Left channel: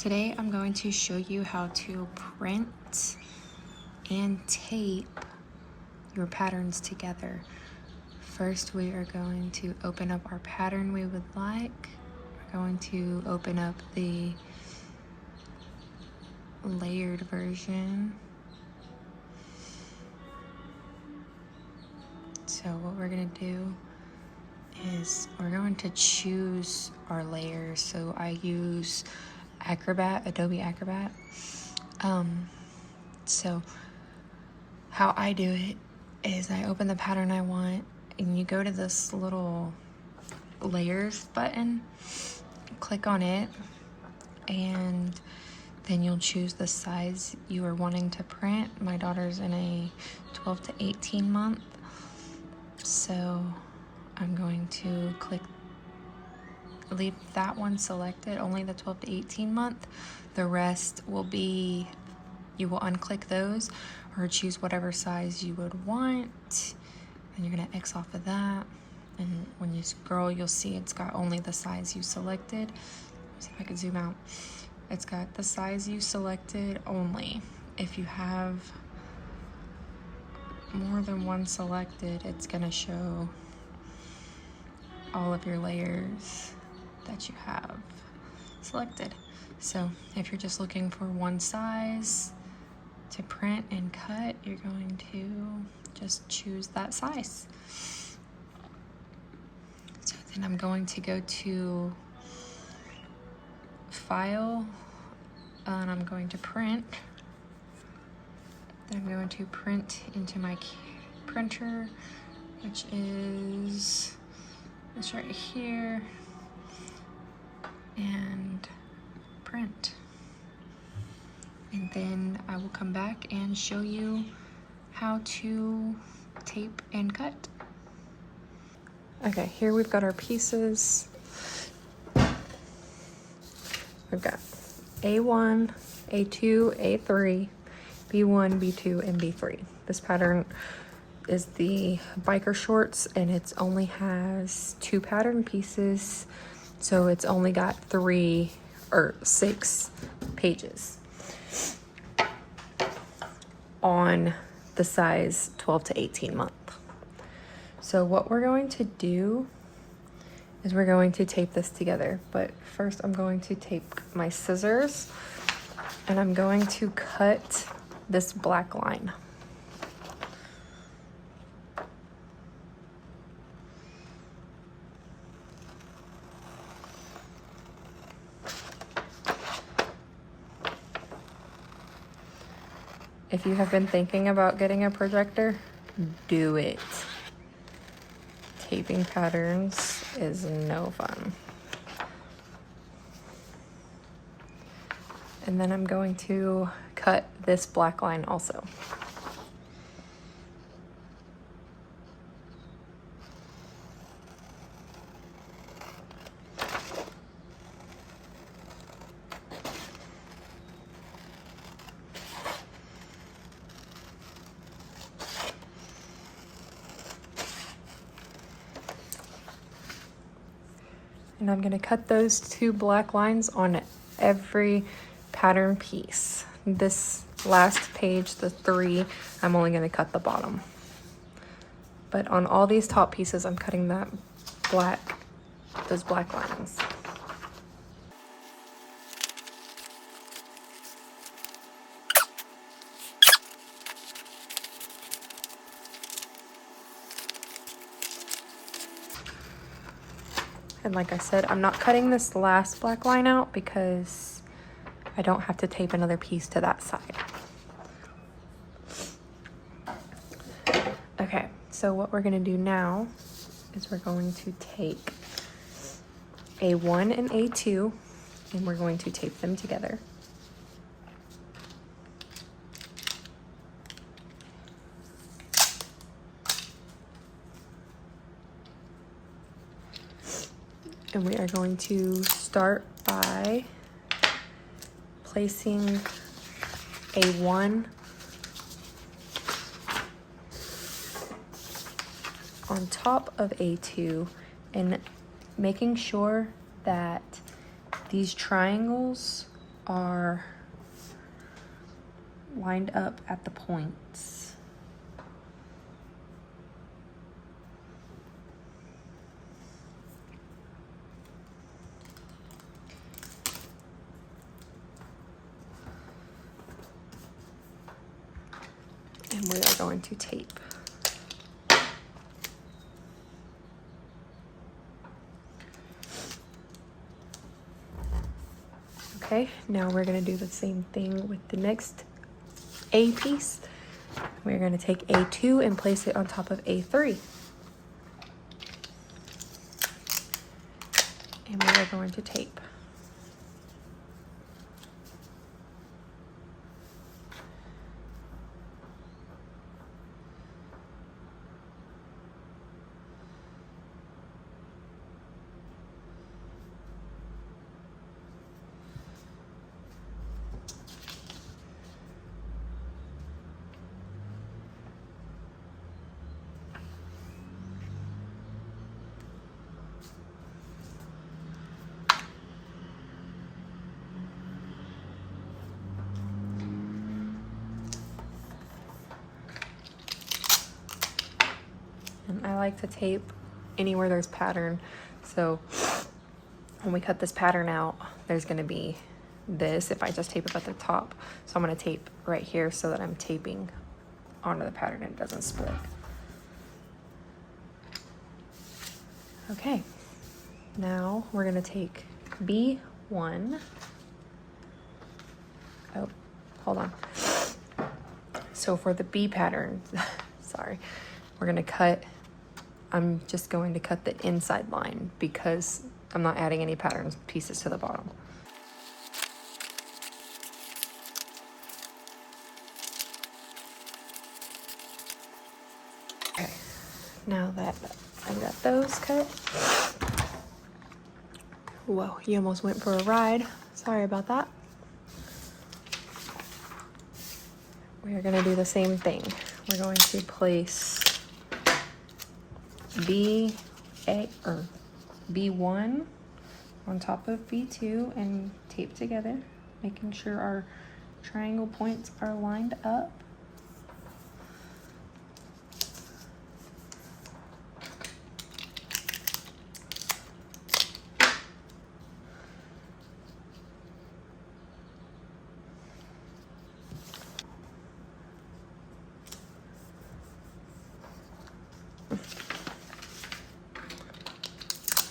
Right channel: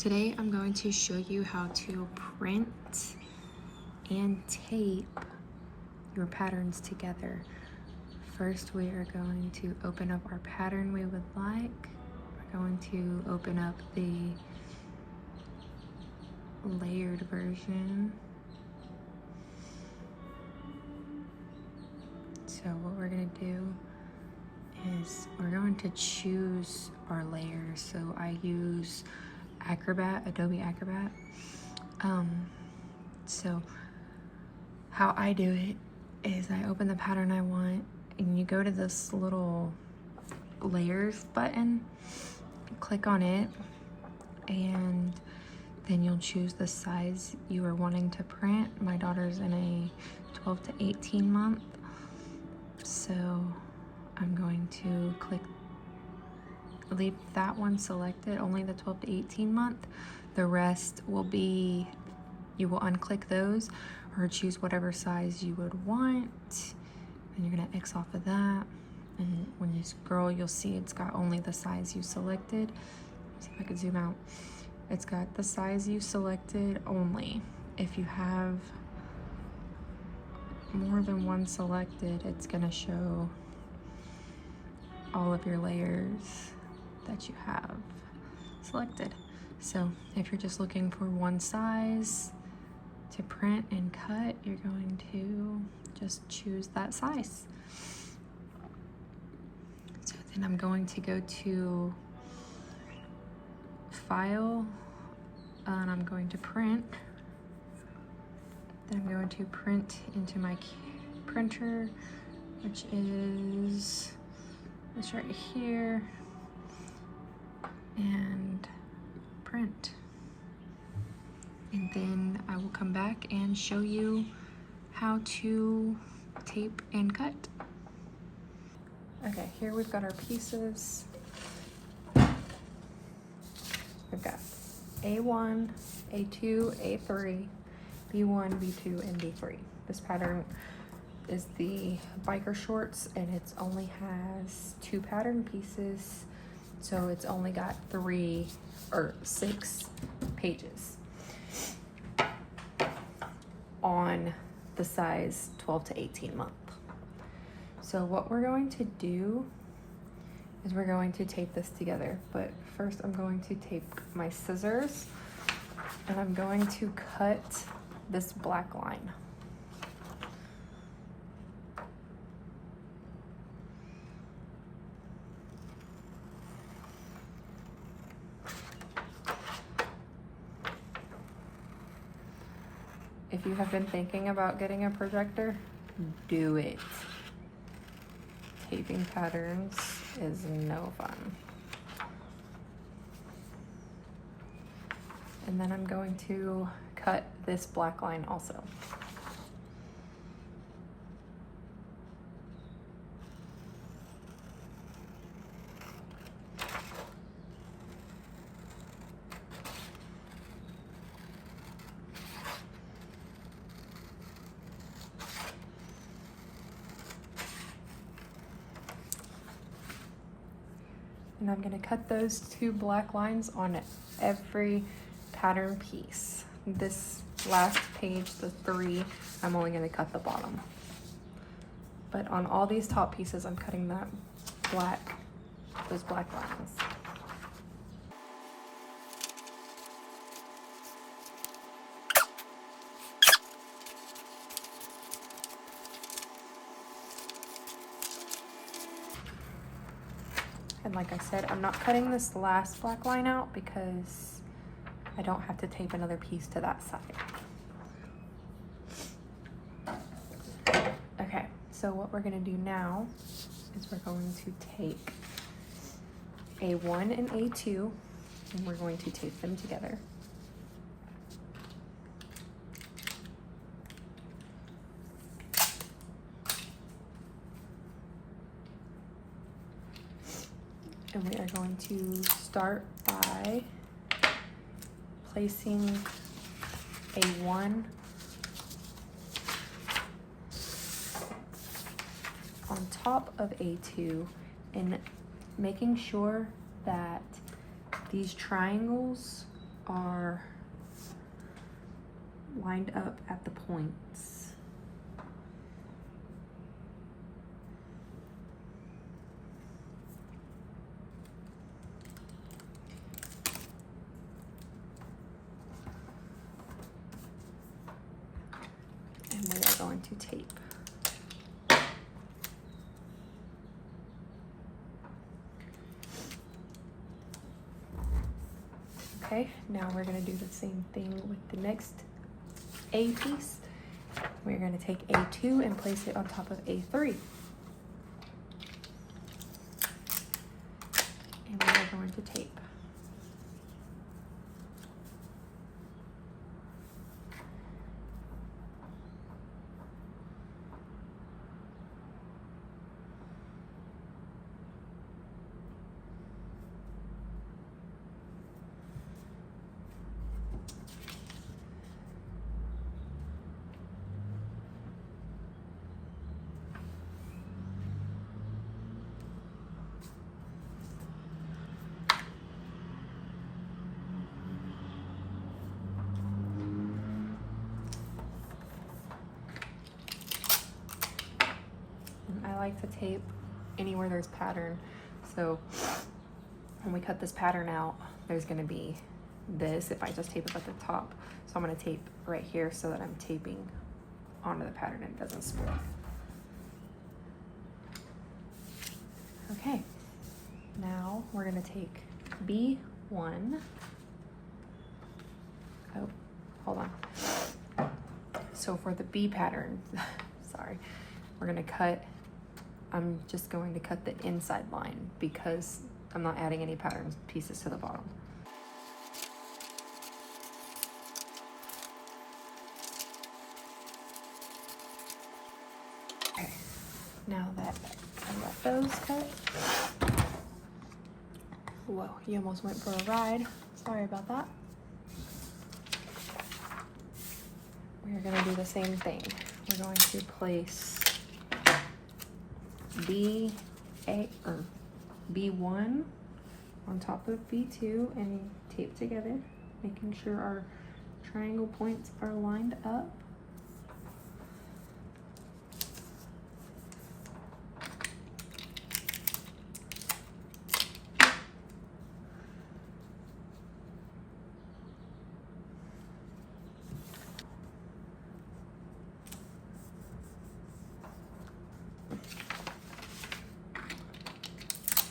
Today I'm going to show you how to print and tape your patterns together. First, we are going to open up our pattern we would like. We're going to open up the layered version. So what we're going to do is we're going to choose our layers. So I use Acrobat, Adobe Acrobat. So how I do it is I open the pattern I want, and you go to this little layers button, click on it, and then you'll choose the size you are wanting to print. My daughter's in a 12 to 18 month, so I'm going to leave that one selected, only the 12 to 18 month. The rest will be, you will unclick those or choose whatever size you would want. And you're gonna X off of that. And when you scroll, you'll see it's got only the size you selected. Let me see if I can zoom out. It's got the size you selected only. If you have more than one selected, it's gonna show all of your layers that you have selected. So if you're just looking for one size to print and cut, you're going to just choose that size. So then I'm going to go to File, and I'm going to Print. Then I'm going to print into my printer, which is this right here, and print. And then I will come back and show you how to tape and cut. Okay, here we've got our pieces. We've got A1, A2, A3, B1, B2, and B3. This pattern is the biker shorts, and it only has 2 pattern pieces, so it's only got 6 pages on the size 12 to 18 month. So what we're going to do is we're going to tape this together, but first I'm going to take my scissors and I'm going to cut this black line. If you have been thinking about getting a projector, do it. Taping patterns is no fun. And then I'm going to cut this black line also. And I'm gonna cut those 2 black lines on every pattern piece. This last page, the 3, I'm only gonna cut the bottom. But on all these top pieces, I'm cutting those black lines. And like I said, I'm not cutting this last black line out because I don't have to tape another piece to that side. Okay, so what we're gonna do now is we're going to take A1 and A2 and we're going to tape them together. And we are going to start by placing A1 on top of A2 and making sure that these triangles are lined up at the points. And we are going to tape. Okay, now we're gonna do the same thing with the next A piece. We're gonna take A2 and place it on top of A3. And we are going to tape. I like to tape anywhere there's pattern. So when we cut this pattern out, there's gonna be this if I just tape it at the top. So I'm gonna tape right here so that I'm taping onto the pattern and it doesn't split. Okay, now we're gonna take B1. Oh, hold on. So for the B pattern, sorry, we're gonna cut, I'm just going to cut the inside line because I'm not adding any pattern pieces to the bottom. Okay, now that I got those cut, whoa, you almost went for a ride. Sorry about that. We are gonna do the same thing. We're going to place B1 on top of B2 and tape together, making sure our triangle points are lined up.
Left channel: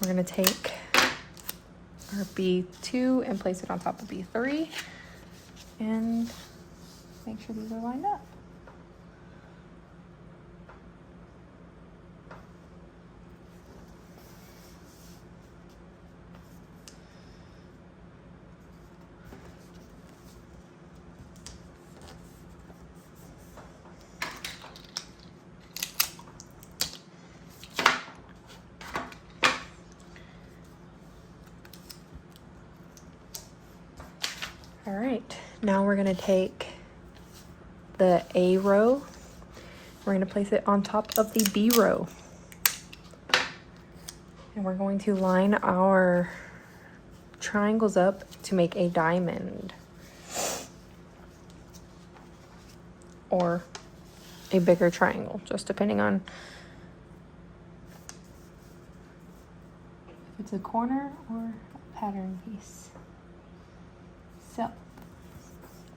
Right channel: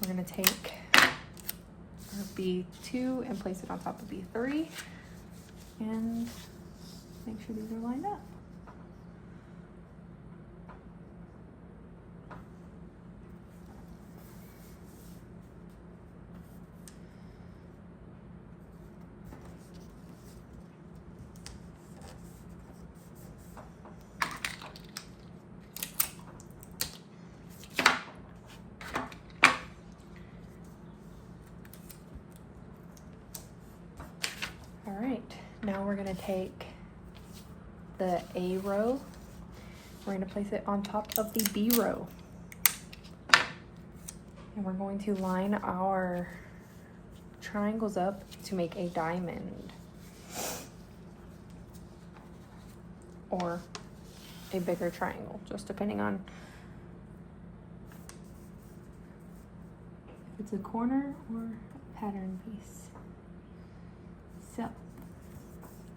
We're gonna take our B2 and place it on top of B3 and make sure these are lined up. All right, now we're gonna take the A row, we're gonna place it on top of the B row. And we're going to line our triangles up to make a diamond. Or a bigger triangle, just depending on if it's a corner or a pattern piece. So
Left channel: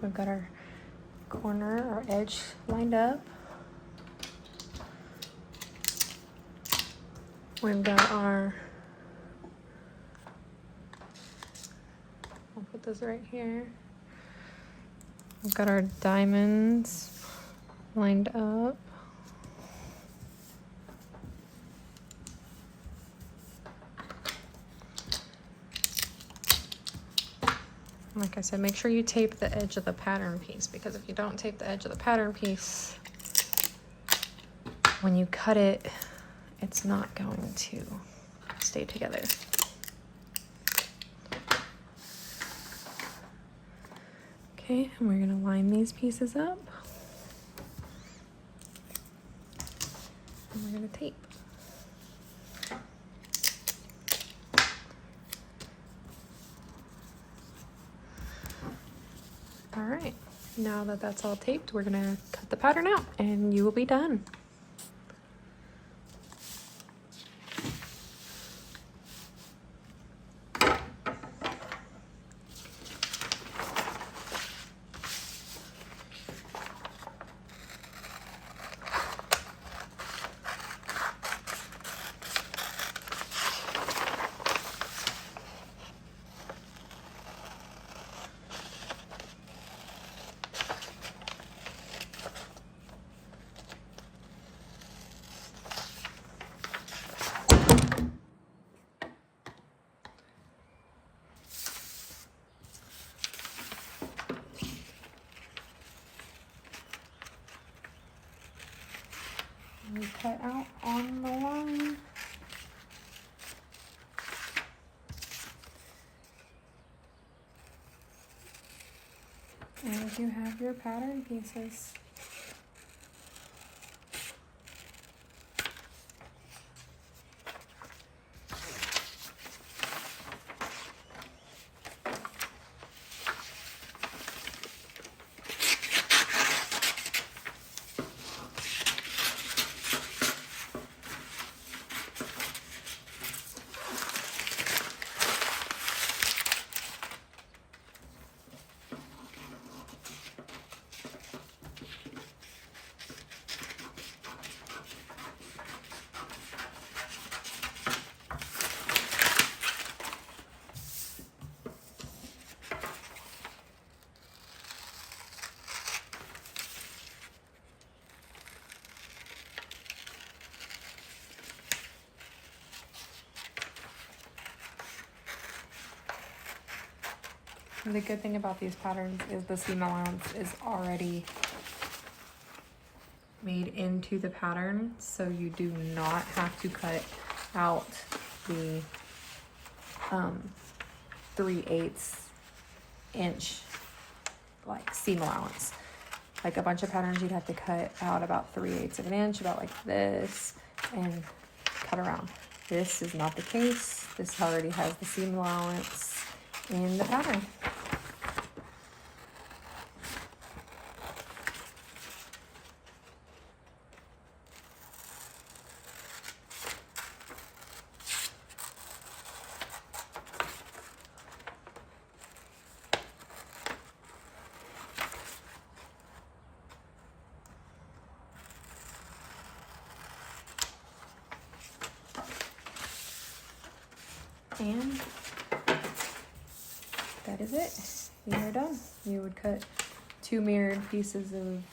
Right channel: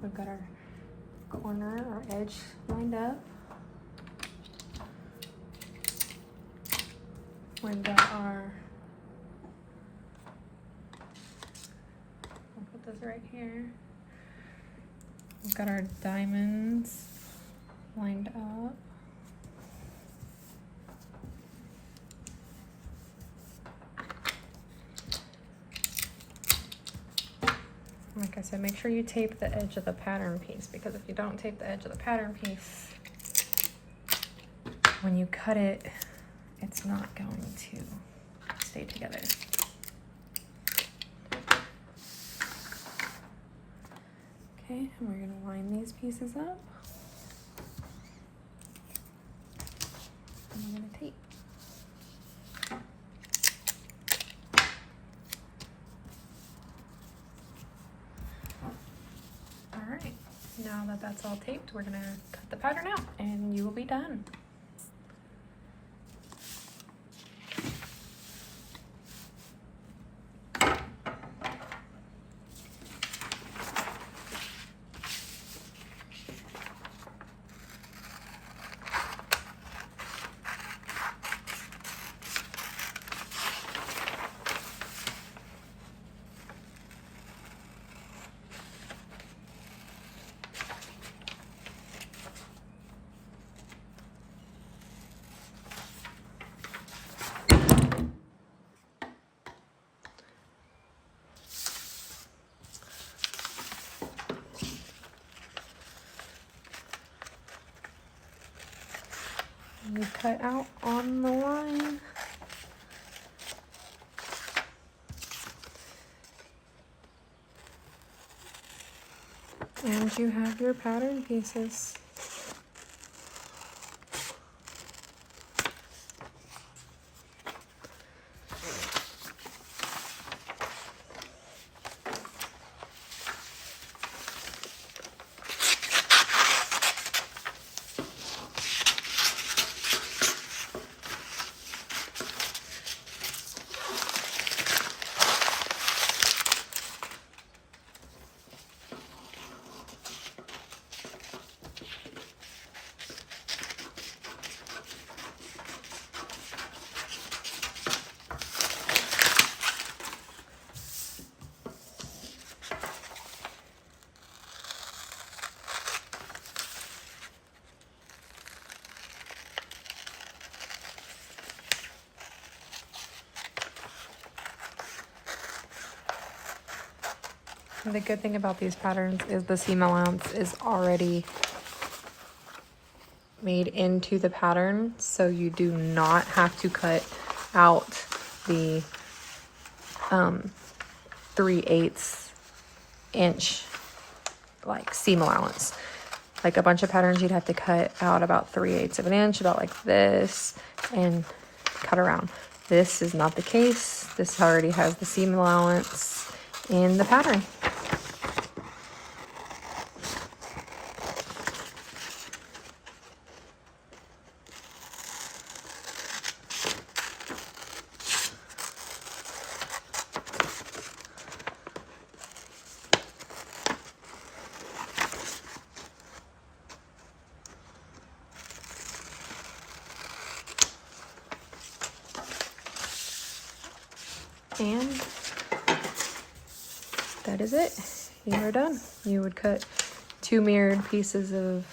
we've got our corner, our edge lined up. We've got our, I'll put this right here. We've got our diamonds lined up. Like I said, make sure you tape the edge of the pattern piece, because if you don't tape the edge of the pattern piece, when you cut it, it's not going to stay together. Okay, and we're gonna line these pieces up. And we're gonna tape. All right, now that that's all taped, we're gonna cut the pattern out and you will be done. And cut out on the line. And you have your pattern pieces. And the good thing about these patterns is the seam allowance is already made into the pattern, so you do not have to cut out the 3/8 inch like seam allowance. Like a bunch of patterns, you'd have to cut out about 3/8 of an inch, about like this, and cut around. This is not the case. This already has the seam allowance in the pattern. And that is it. You are done. You would cut 2 mirrored pieces of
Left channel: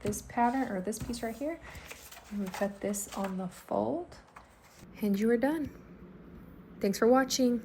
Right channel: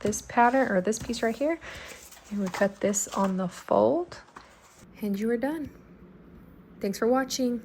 this pattern, or this piece right here. You would cut this on the fold, and you are done. Thanks for watching.